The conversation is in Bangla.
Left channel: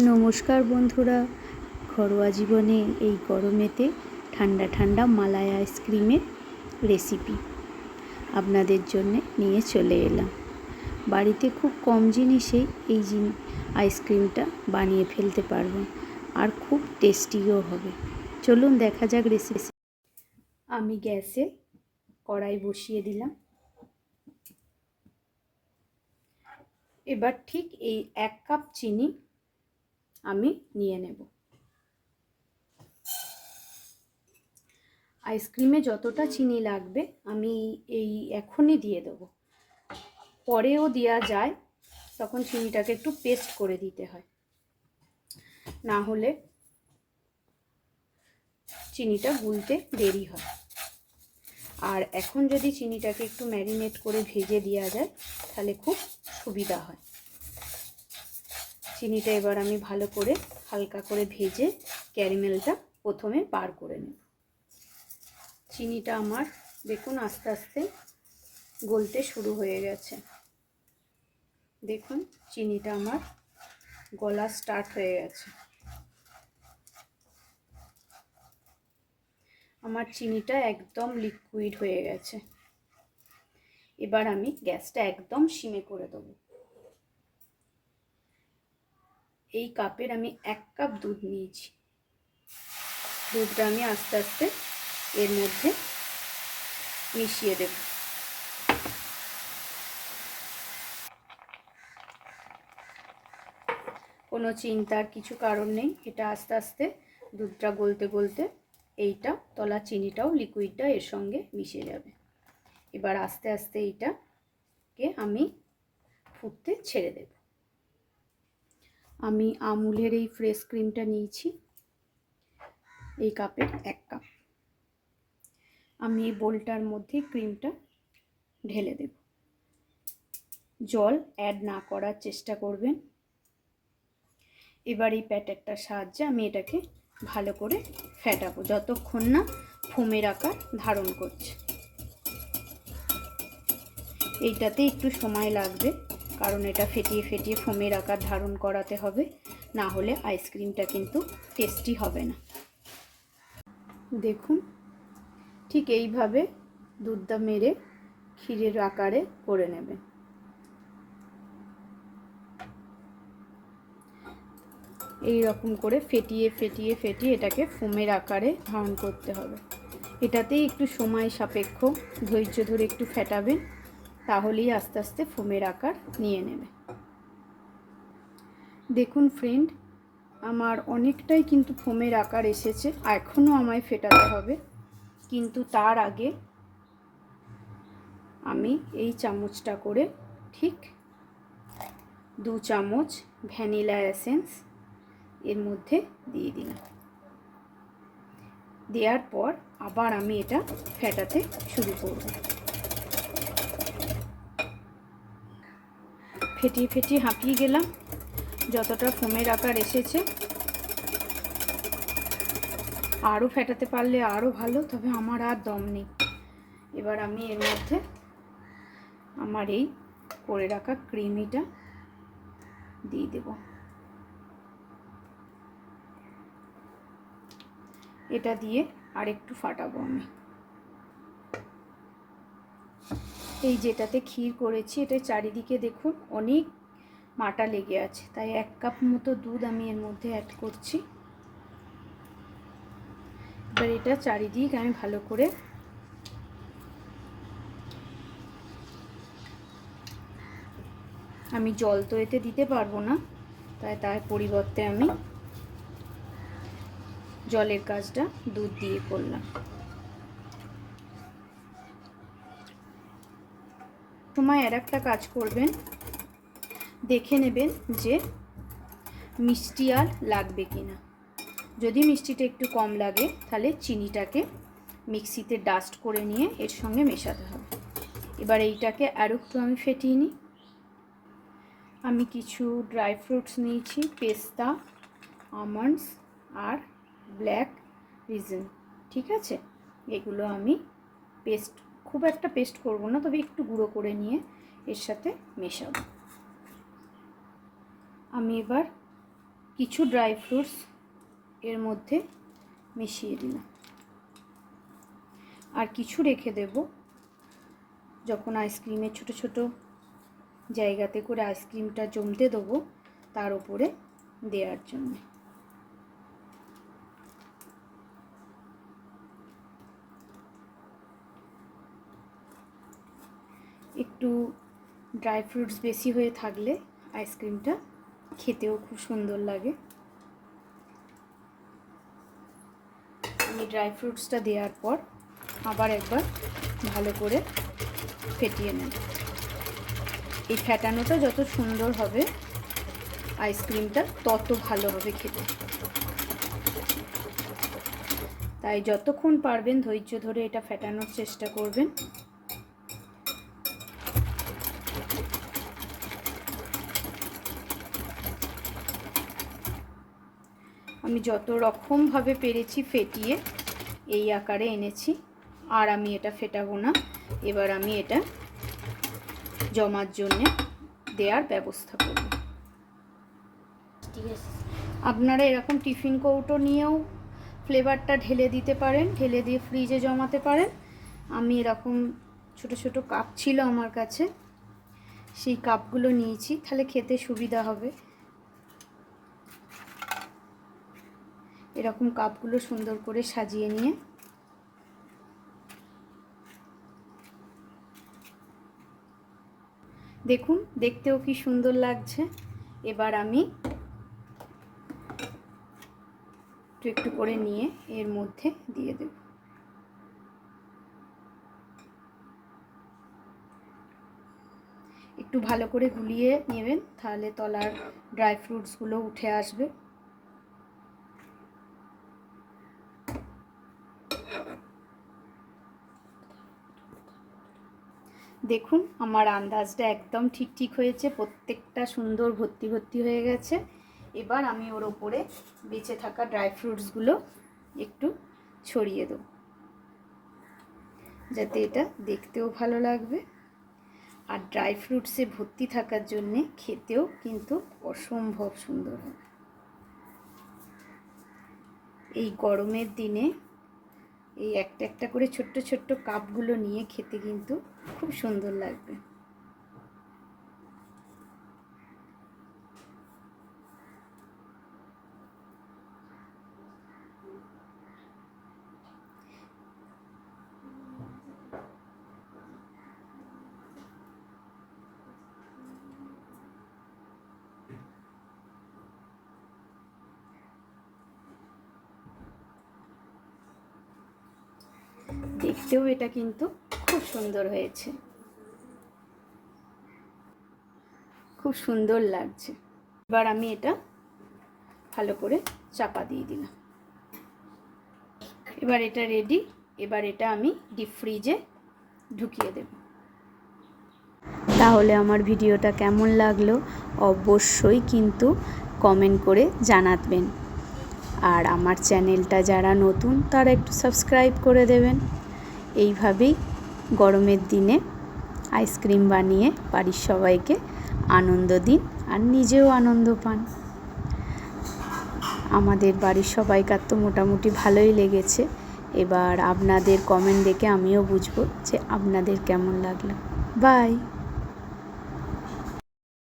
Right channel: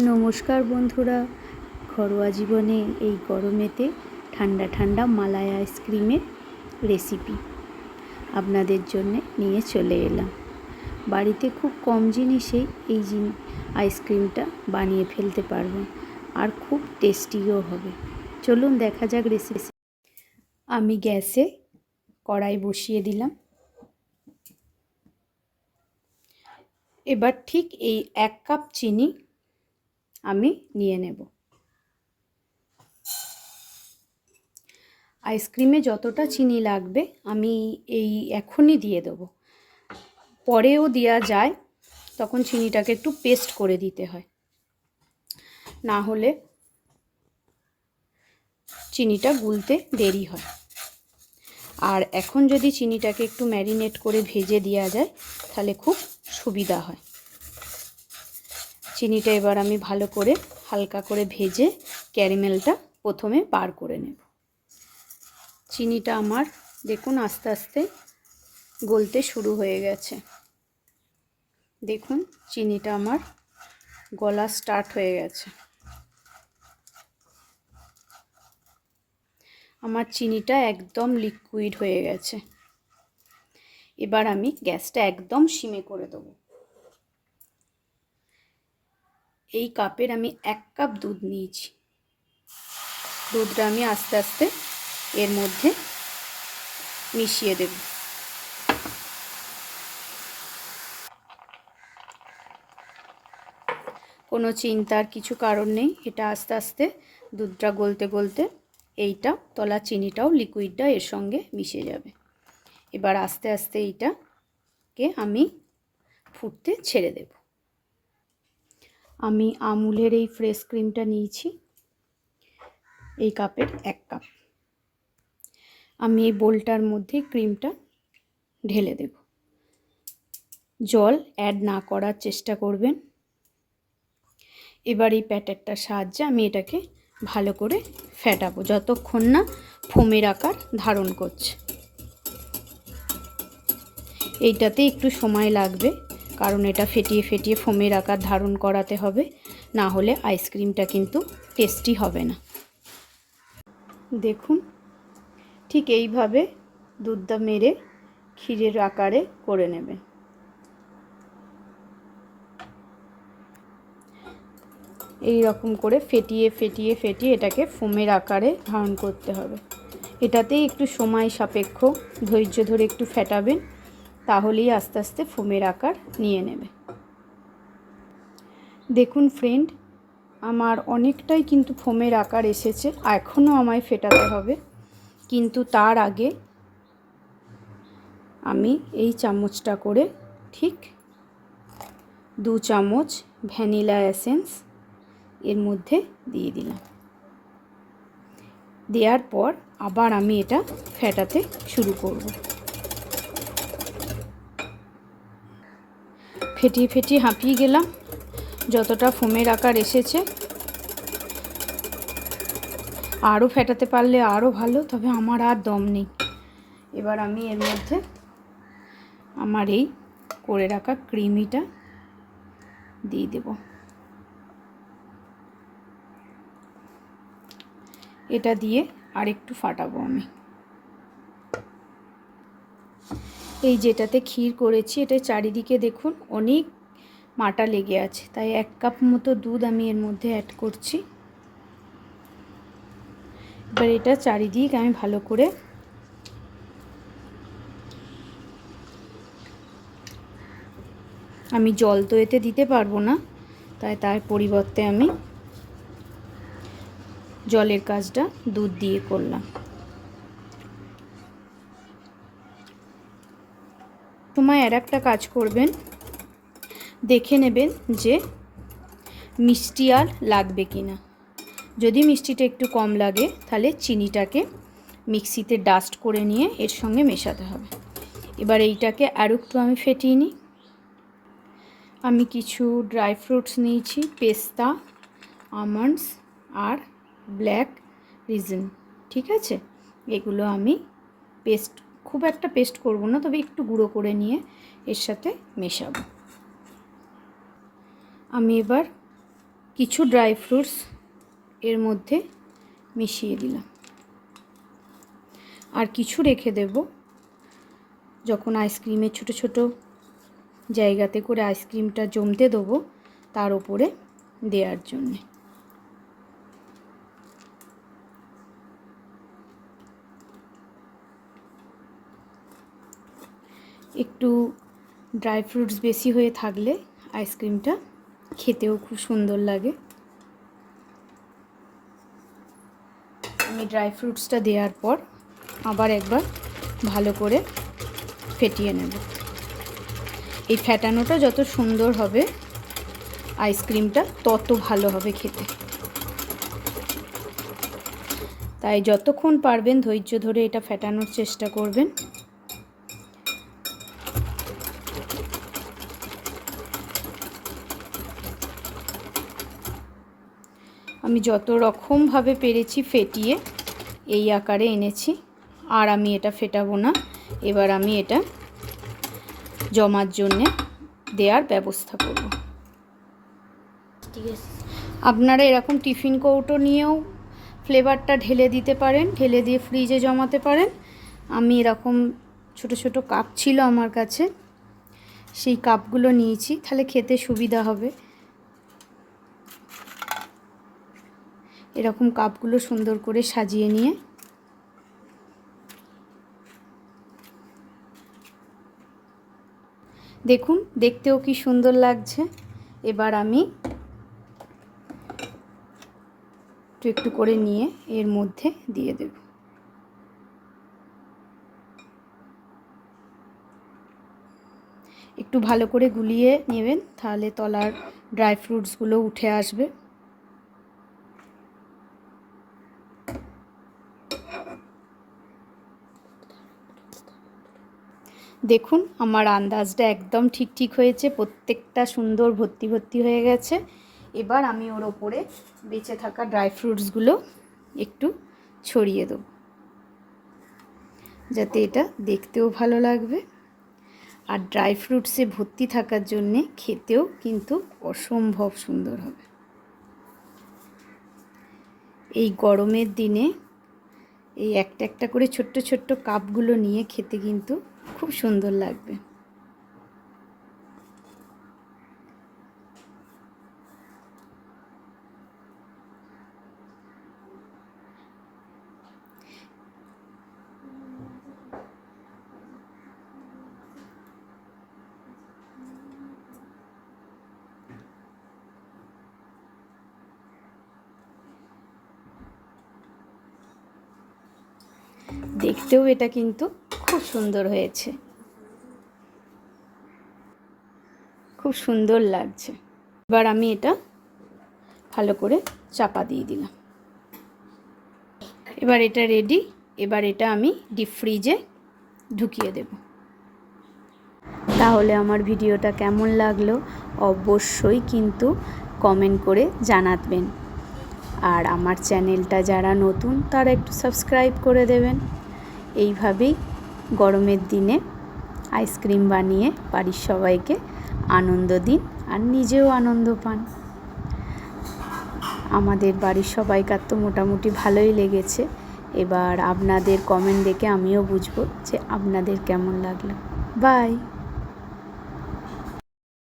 নমস্কার বন্ধুরা, ঘরোয়া জীবনে এই গরমেতে ঠান্ডা ঠান্ডা মালাই আইসক্রিমের রেসিপি আপনাদের জন্য নিয়ে চলে এলাম। বাড়িতে খুব কম জিনিসেই এই আইসক্রিমটা বানিয়ে ফেলতে পারবেন, আর খুব টেস্টিও হবে। চলুন দেখা যাক রেসিপি। আমি গ্যাসে কড়াই বসিয়ে দিলাম। এবার ঠিক এই 1 কাপ চিনি আমি নিয়ে নেব। আইসক্রিমে যতটা চিনি লাগবে আমি এখনই দিয়ে দেবো। পরেও দেওয়া যায়, তখন চিনিটাকে একটু পেস্ট করে দিতে হয়, না হলে চিনিটা গুলতে দেরি হয়। আর এখন যদি চিনিটাকে একটু ম্যারিনেট করে ভেজে দেওয়া যায় তাহলে খুব সুবিধা হয়। চিনিটা এবার আমি ভালো করে হালকা করে ভেজে ক্যারামেলটা প্রথমে বার করে নেব। চিনিটা আমার দেখুন আস্তে আস্তে গলতে শুরু হয়ে গেছে। দেখুন চিনিটা আমার গলা স্টার্ট হয়ে গেছে। আমার চিনিটা একদম লিকুইড হয়ে গেছে। এবার আমি গ্যাসটা একদম সিমে করে দেব। এই কাপের আমি 1 কাপ দুধ নিয়েছি। দুধটা আমি আস্তে আস্তে এর মধ্যে মিশিয়ে দেব। কোনো চিন্তার কিছু কারণ নেই, এটা আস্তে আস্তে দুধটা গলতে গলতে এইটা তলা চিনিটাও লিকুইডটা এর সঙ্গে মিশে যাবে। এবার আস্তে আস্তে এইটাকে আমি ফুটতে ছেড়ে দেব। আমি আমুলের এই ফ্রেশ ক্রিমটা নিয়েছি, এই কাপের 1 কাপ। আমি এই বোলটার মধ্যে ক্রিমটা ঢেলে দেব। জল অ্যাড না করার চেষ্টা করবেন। এবার এই প্যাটারটার সাহায্যে আমি এটাকে ভালো করে ফেটাবো যতক্ষণ না ফোমের আকার ধারণ করছে। এইটাতে একটু সময় লাগবে, কারণ এটা ফেটিয়ে ফেটিয়ে ফোমের আকার ধারণ করাতে হবে, না হলে আইসক্রিমটা কিন্তু টেস্টি হবে না। দেখুন ঠিক এইভাবে দুধটা মেরে ক্ষীরের আকারে করে নেবে। এই রকম করে ফেটিয়ে ফেটিয়ে ফেটিয়ে এটাকে ফোমের আকারে ধারণ করতে হবে। এটাতেই একটু সময় সাপেক্ষ, ধৈর্য ধরে একটু ফেটাবেন, তাহলেই আস্তে আস্তে ফোমের আকার নিয়ে নেবে। দেখুন ফ্রেন্ড, আমার অনেকটাই কিন্তু ফোমের আকার এসেছে। এখনও আমায় ফেটাতে হবে, কিন্তু তার আগে আমি এই চামচটা করে ঠিক 2 চামচ ভ্যানিলা এসেন্স এর মধ্যে দিয়ে দিলাম। দেওয়ার পর আবার আমি এটা ফেটাতে শুরু করব। ফেটিয়ে ফেটিয়ে হাঁপিয়ে গেলাম, যতটা ফোমের আকার এসেছে। আরও ফেটাতে পারলে আরও ভালো, তবে আমার আর দম নেই। এবার আমি এর মধ্যে আমার এই করে রাখা ক্রিমিটা দিয়ে দেব। এটা দিয়ে আর একটু ফাটাবো আমি। এই যেটাতে ক্ষীর করেছি এটা চারিদিকে দেখুন অনেক মাটা লেগে আছে, তাই 1 কাপ মতো দুধ আমি এর মধ্যে অ্যাড করছি। এবার এটা চারিদিক আমি ভালো করে আমি জল তো এতে দিতে পারবো না, তার পরিবর্তে আমি জলের কাজটা দুধ দিয়ে করলাম। সময় আর একটা কাজ করবেন, দেখে নেবেন যে মিষ্টি আর লাগবে কিনা। যদি মিষ্টিটা একটু কম লাগে তাহলে চিনিটাকে মিক্সিতে ডাস্ট করে নিয়ে এর সঙ্গে মেশাতে হবে। এবার এইটাকে আর একটু আমি ফেটিয়ে নিই। আমি কিছু ড্রাই ফ্রুটস নিয়েছি, পেস্তা, আমন্ডস আর ব্ল্যাক রিজন, ঠিক আছে? এগুলো আমি খুব একটা পেস্ট করব না, তবে একটু গুঁড়ো করে নিয়ে এর সাথে মেশাবো। আমি এবার কিছু ড্রাই ফ্রুটস এর মধ্যে মিশিয়ে দিলাম, আর কিছু রেখে দেব যখন আইসক্রিমের ছোট ছোট জায়গাতে করে আইসক্রিমটা জমতে দেবো তার উপরে দেওয়ার জন্যে। একটু ড্রাই ফ্রুটস বেশি হয়ে থাকলে আইসক্রিমটা খেতেও খুব সুন্দর লাগে। আমি ড্রাই ফ্রুটসটা দেওয়ার পর আবার একবার ভালো করে ফেটিয়ে নেব। এই ফেটানোটা যত সুন্দর হবে আইসক্রিমটা তত ভালো হবে খেতে। তাই যতক্ষণ পারবেন ধৈর্য ধরে এটা ফেটানোর চেষ্টা করবেন। আমি যত রকমভাবে পেরেছি ফেটিয়ে এই আকারে এনেছি, আর আমি এটা ফেটাবো না। এবার আমি এটা জমার জন্যে দেওয়ার ব্যবস্থা করব। ঠিক আছে, আপনারা এরকম টিফিন কৌটো নিয়েও ফ্লেভারটা ঢেলে দিতে পারেন, ঢেলে দিয়ে ফ্রিজে জমাতে পারেন। আমি এরকম ছোট ছোট কাপ ছিল আমার কাছে, সেই কাপগুলো নিয়েছি, তাহলে খেতে সুবিধা হবে। এরকম কাপগুলো সুন্দর করে সাজিয়ে নিয়ে দেখুন দেখতেও কি সুন্দর লাগছে। এবার আমি একটু একটু করে নিয়ে এর মধ্যে দিয়ে দেব। একটু ভালো করে গুলিয়ে নেবেন, তাহলে তলার ড্রাই ফ্রুটসগুলো উঠে আসবে। দেখুন আমার আন্দাজটা একদম ঠিক হয়েছে, প্রত্যেকটা সুন্দর ভর্তি ভর্তি হয়ে গেছে। এবার আমি ওর ওপরে বেঁচে থাকা ড্রাই ফ্রুটসগুলো একটু ছড়িয়ে দেব, যাতে এটা দেখতেও ভালো লাগবে। আর ড্রাই ফ্রুটসে ভর্তি থাকার জন্যে খেতেও কিন্তু অসম্ভব সুন্দর হবে। এই গরমের দিনে এই একটা একটা করে ছোট্ট ছোট্ট কাপগুলো নিয়ে খেতে কিন্তু খুব সুন্দর লাগবে। দেখতেও এটা কিন্তু খুব সুন্দর হয়েছে, খুব সুন্দর লাগছে। এবার আমি এটা ভালো করে চাপা দিয়ে দিলাম। এবার এটা রেডি। এবার এটা আমি ডিপ ফ্রিজে ঢুকিয়ে দেব। তাহলে আমার ভিডিওটা কেমন লাগলো অবশ্যই কিন্তু কমেন্ট করে জানাবেন। আর আমার চ্যানেলটা যারা নতুন তারা একটু সাবস্ক্রাইব করে দেবেন। এইভাবেই গরমের দিনে আইসক্রিম বানিয়ে বাড়ির সবাইকে আনন্দ দিন, আর নিজেও আনন্দ পান। আমাদের বাড়ির সবাইকার তো মোটামুটি ভালোই লেগেছে। এবার আপনাদের কমেন্ট দেখে আমিও বুঝবো যে আপনাদের কেমন লাগলো। বাই।